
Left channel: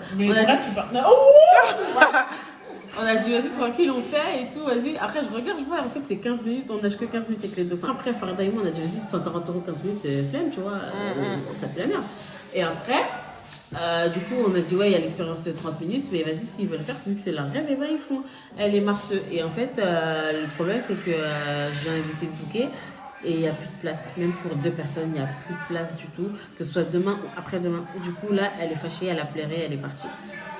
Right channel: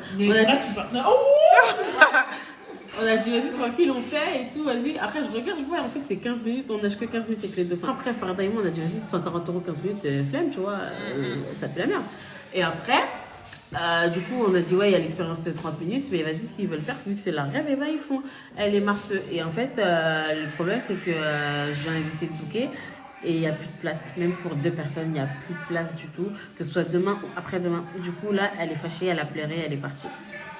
On a dit, vas-y, tranquille, on fait et tout, vas-y. Après, je regarde, je vois, en fait, c'est 15 minutes, on nage que 15 minutes avec les dauphins. Après, Farda et moi, on a dit, vas-y, 140 euros, 15 minutes, flemme, tu vois, ça pue la merde. Et après, du coup, on a dit, ouais, il y a l'expérience de 30 minutes, mais vas-y, s'ils veulent faire, vu que c'est leur rêve, et ben ils font. Elle est marceuse. Et en fait, le problème, c'est que je viens d'essayer de booker. Et il n'y a plus de place, même pour 2 personnes, il n'y a plus de place du tout, que ce soit demain ou après-demain. Du coup, là, elle est fâchée, elle a pleuré, elle est partie.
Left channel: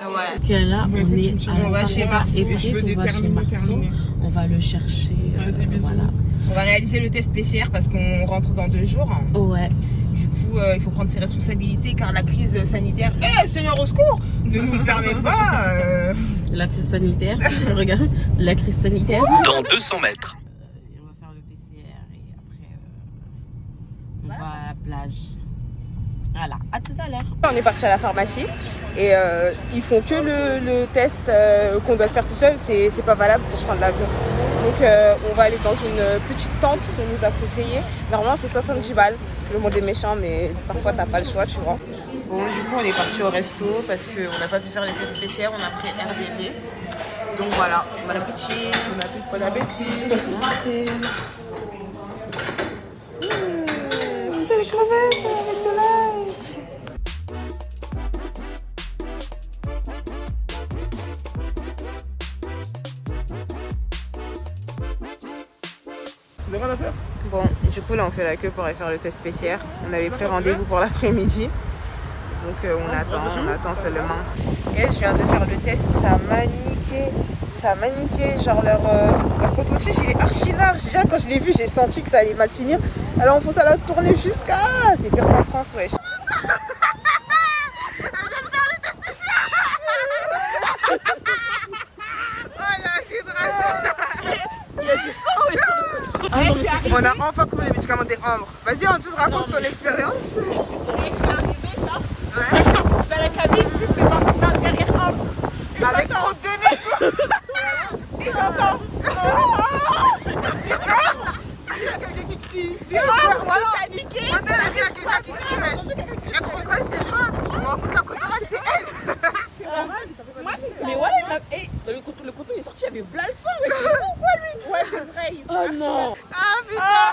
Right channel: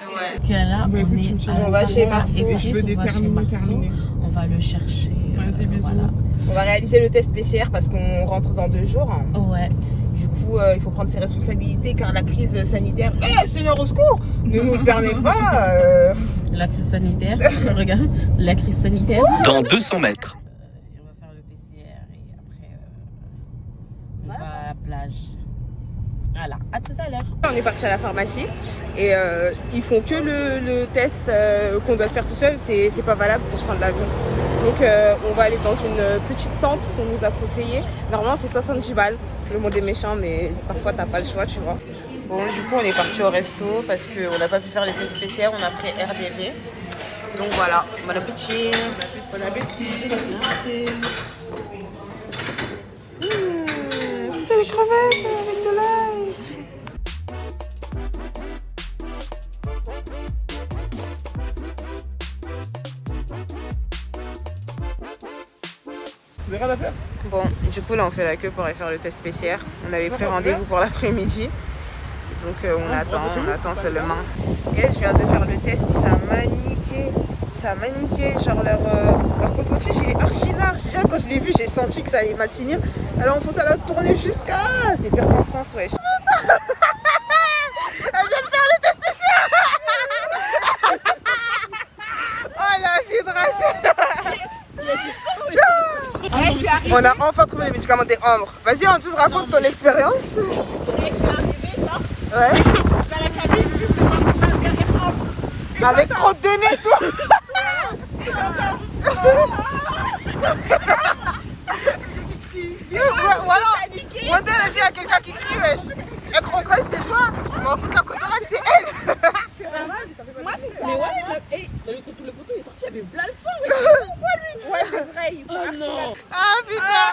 Ouais. Ok, là, on va chez Marceau. On va chez Marceau, on va le chercher. Voilà. On va réaliser le test PCR parce qu'on rentre dans 2 jours. Ouais. Du coup, il faut prendre ses responsabilités car la crise sanitaire, Seigneur au secours, ne nous le permet pas. La crise sanitaire, regarde, la crise sanitaire. Dans 200 mètres. On va faire le PCR et après, on va à la plage. Voilà, à tout à l'heure. On est parti à la pharmacie et ils font que le test qu'on doit se faire tout seul, c'est pas valable pour prendre l'avion. Donc on va aller dans une petite tente qu'on nous a conseillé. Normalement c'est 70 balles, le monde est méchant mais parfois t'as pas le choix tu vois. Bon du coup on est parti au resto parce qu'on n'a pas pu faire les tests PCR, on a pris RDV. Donc voilà, bon appétit. Bon appétit. C'est les crevettes avec de l'ail. Vous avez rien à faire? Bon, du coup là on fait la queue pour aller faire le test PCR. On avait pris rendez-vous pour l'après-midi. Donc on attend seulement. Et je viens de faire le test, ça a maniqué. Genre leur coton-tige il est archi large. Déjà quand je l'ai vu j'ai senti que ça allait mal finir. Alors on faut ça la tourner jusqu'à... C'est pire qu'en France wesh. Elle vient de faire le test PCR. Oh la filtrage. Il y a du sang, On a enfin trouvé les médicaments des Ambre. Vas-y, on tous raconte ton expérience. Et je suis arrivée, genre, Ouais. dans la cabine, juste derrière Ambre. Avec trop de nez et tout. J'entends. Voilà. Moi, elle a dit à quelqu'un qui crie, wesh. On croit que c'était toi. Mais en fait, la côte d'oreille, c'est elle. Mais ouais, le couteau il est sorti, il y avait plein le sang. Ouais, c'est vrai. Oh non. Ah putain.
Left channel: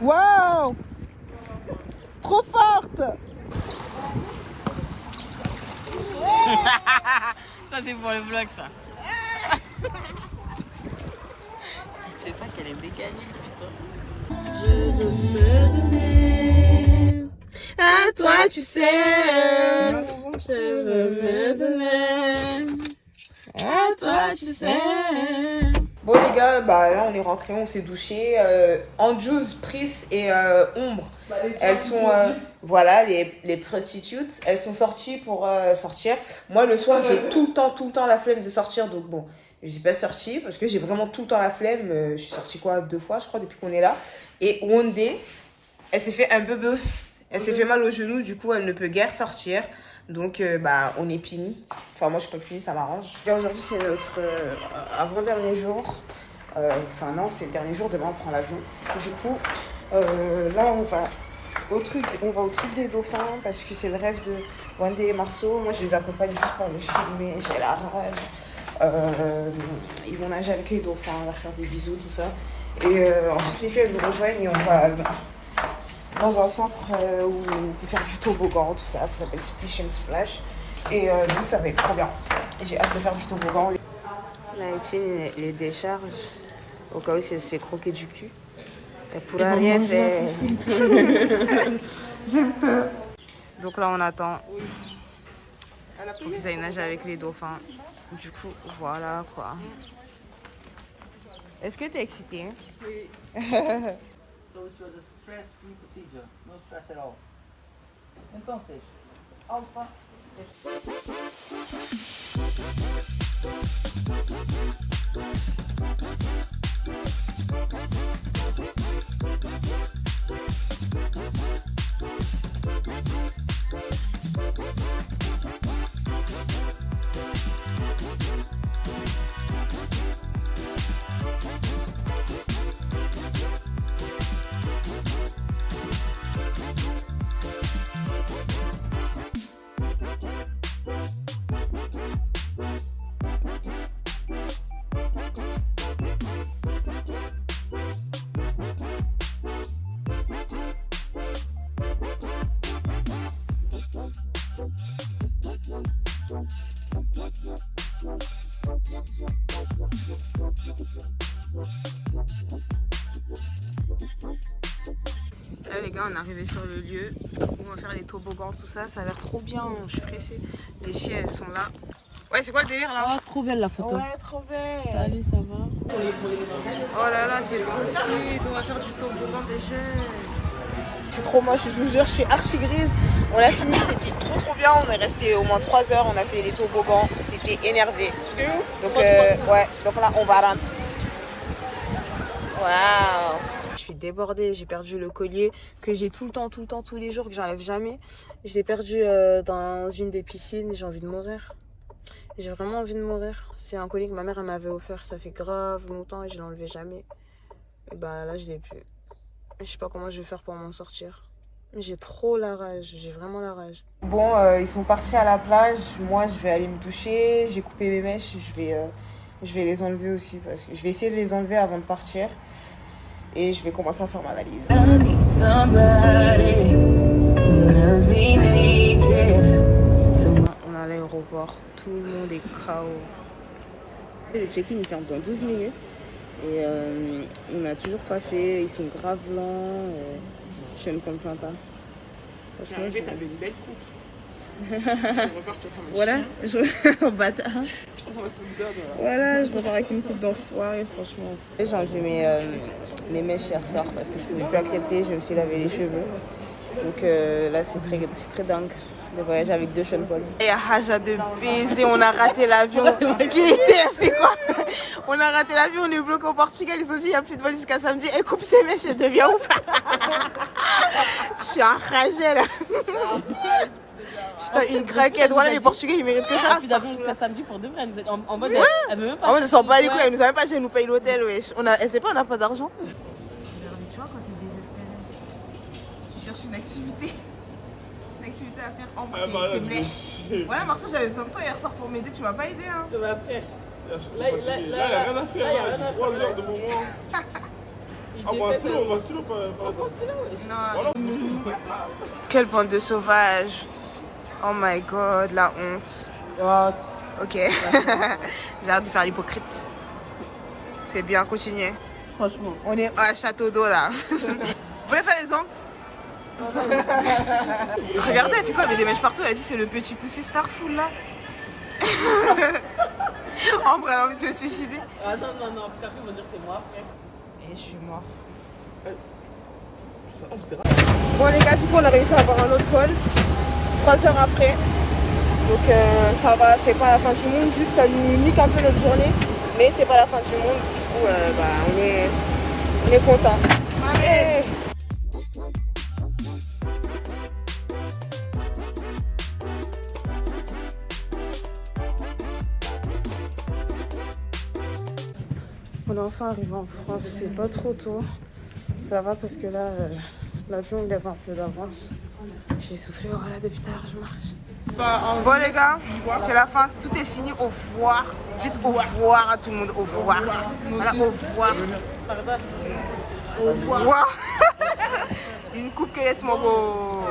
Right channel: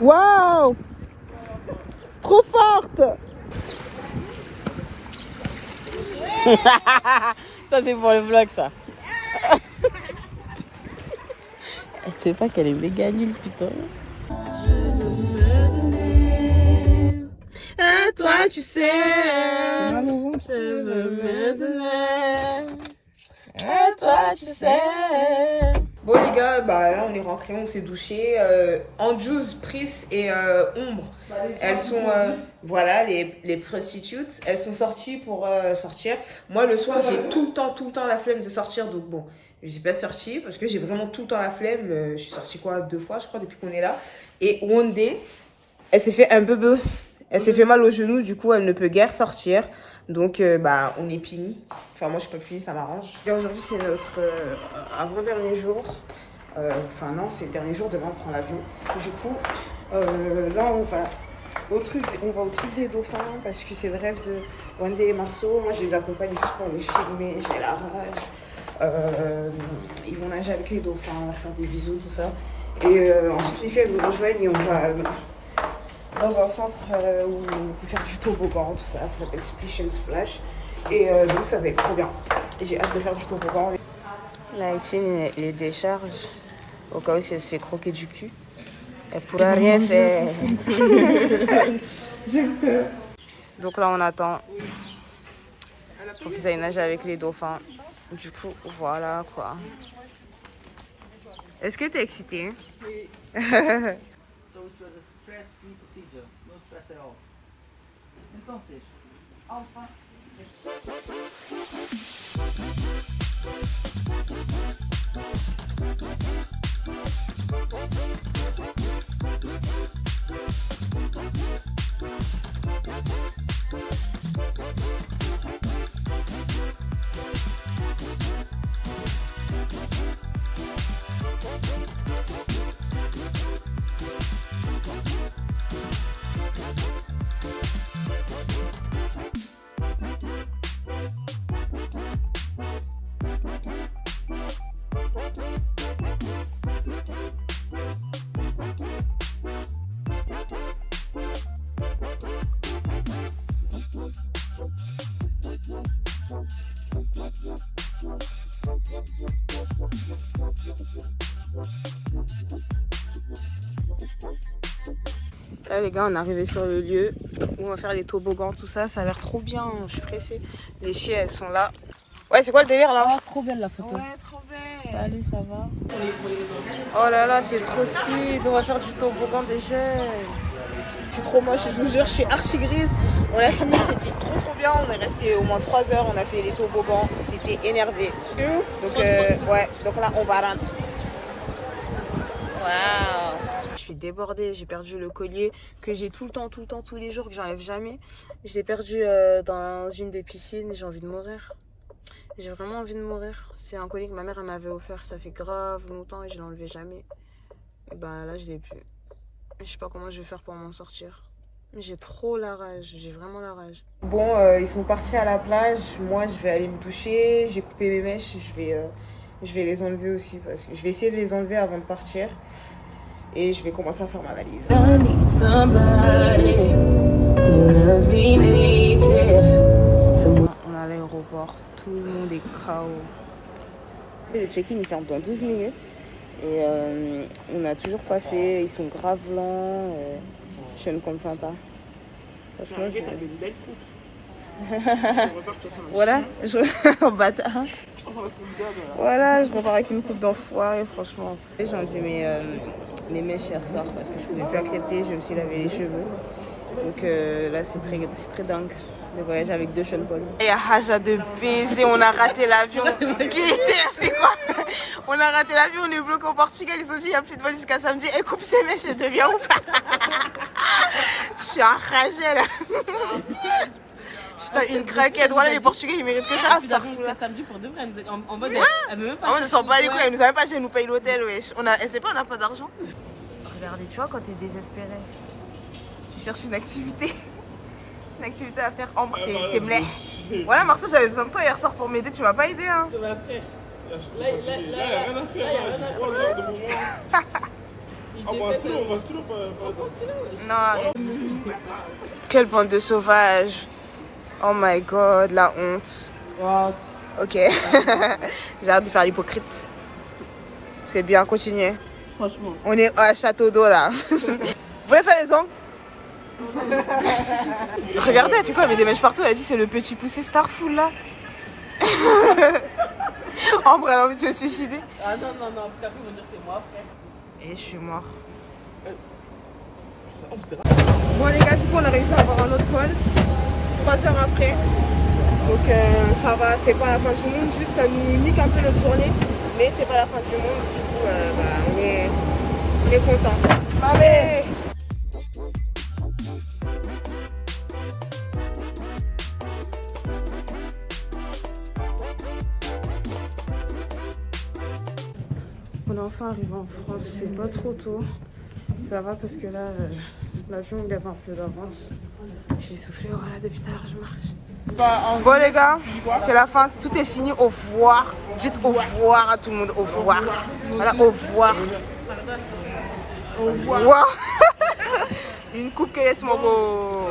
Waouh. Trop forte. Ça c'est pour le vlog ça. Elle sait pas qu'elle est méga nulle putain. Je veux me donner à toi tu sais. Je veux me donner à toi tu sais. Bon les gars, bah là on est rentrés, on s'est douché. Anjous, Pris et Ombre, elles sont, voilà, les prostitutes, elles sont sorties pour sortir. Moi le soir j'ai tout le temps la flemme de sortir, donc bon, je suis pas sortie parce que j'ai vraiment tout le temps la flemme. Je suis sortie quoi 2 fois je crois depuis qu'on est là. Et one day, elle s'est fait un bebe, elle s'est fait mal au genou, du coup elle ne peut guère sortir. Donc, bah, on est puni. Enfin, moi, je suis pas punie, ça m'arrange. Aujourd'hui, c'est notre avant-dernier jour. Enfin, non, c'est le dernier jour. Demain, on prend l'avion. Du coup, là, on va au truc des dauphins parce que c'est le rêve de Wanda et Marceau. Moi, je les accompagne juste pour les filmer. J'ai la rage. Ils vont nager avec les dauphins, on va faire des bisous, tout ça. Et ensuite, les filles, elles nous rejoignent et on va... dans un centre où on peut faire du toboggan, tout ça, ça s'appelle Splish and Splash. Et donc ça va être trop bien. J'ai hâte de faire du toboggan. Là, ici, les décharges, au cas où si elle se fait croquer du cul, elle pourra rien faire. J'ai peur. Donc là, on attend pour qu'ils aillent nager avec les dauphins. Du coup, voilà quoi. Est-ce que t'es excitée? Oui. So it was a stress-free procedure, no stress at all. Entonces, Alpha Là les gars, on est arrivé sur le lieu où on va faire les toboggans, tout ça, ça a l'air trop bien, je suis pressée. Les chiens elles sont là. Ouais, c'est quoi le délire là? Ah, trop belle la photo. Ouais, trop belle. Salut, ça va? Oh là là, c'est trop speed, on va faire du toboggan des jeunes. Je suis trop moche, je vous jure, je suis archi grise. On a fini, c'était trop bien, on est resté au moins 3 heures, on a fait les toboggans, c'était énervé. Donc ouais, donc là on va rentrer. Waouh! Je suis débordée, j'ai perdu le collier que j'ai tout le temps, tous les jours, que j'enlève jamais. Je l'ai perdu dans une des piscines, j'ai envie de mourir. J'ai vraiment envie de mourir. C'est un collier que ma mère elle m'avait offert, ça fait grave longtemps et je l'enlevais jamais. Et bah là je l'ai plus. Je sais pas comment je vais faire pour m'en sortir. J'ai trop la rage, j'ai vraiment la rage. Bon, ils sont partis à la plage, moi je vais aller me doucher, j'ai coupé mes mèches, je vais les enlever aussi parce que je vais essayer de les enlever avant de partir. Et je vais commencer à faire ma valise. On est à l'aéroport, tout le monde est KO. Le check-in il ferme dans 12 minutes et on n'a toujours pas fait, ils sont grave lents, je ne comprends pas. Franchement, t'avais une belle coupe. Voilà, en bâtard. Voilà, je repars avec une coupe d'enfoiré, franchement. J'ai enlevé mes mèches hier soir parce que je pouvais plus accepter, je me suis lavé les cheveux. Donc là, c'est très dingue de voyager avec 2 Sean Paul. Et à Haja de baiser, on a raté l'avion. Qui était fait quoi? On a raté l'avion, on est bloqué au Portugal. Ils ont dit il n'y a plus de vol jusqu'à samedi. Et coupe ses mèches et devient ouf. Je suis enragée là. Putain, une craquette. Voilà, les Portugais ils méritent que ça. Ils avaient jusqu'à samedi pour de vrai. Vous êtes en mode. Ouais. Elle veut même pas. En mode, elle s'en bat les couilles. Elle nous a même pas dit, elle nous paye l'hôtel. Wesh. Elle sait pas, on n'a pas d'argent. Regardez, tu vois, quand t'es désespéré, tu cherches une activité. Une activité à faire. Ambre, t'es blêche. Voilà, Marceau, j'avais besoin de toi hier soir pour m'aider. Tu m'as pas aidé, hein. Ça va faire. Là, il n'y a rien à faire. Là, j'ai 3 heures de moment. On va un stylo, Non. Quelle bande de sauvages. Oh my god, la honte. What? Ok. J'ai hâte de faire l'hypocrite. C'est bien, continuez. Franchement. On est à Château d'eau là. Vous voulez faire les ongles? Regardez, elle fait quoi? Elle met des mèches partout. Elle a dit c'est le petit poussé Starful là. Ambre, elle a envie de se suicider. Ah non, parce qu'après ils vont dire c'est moi, frère. Et je suis mort. Bon les gars, du coup on a réussi à avoir un autre vol 3 heures après. Donc ça va, c'est pas la fin du monde, juste ça nous nique un peu notre journée. Mais c'est pas la fin du monde, du coup on est content. Allez! On est enfin arrivé en France, c'est pas trop tôt. Ça va parce que là, l'avion il avait un peu d'avance. J'ai essoufflé, voilà, depuis tout à l'heure je marche. Bon les gars, c'est la fin, tout est fini, au revoir. Dites au revoir à tout le monde, au revoir. Voilà, au revoir. Au revoir. Une coupe que yes mon beau.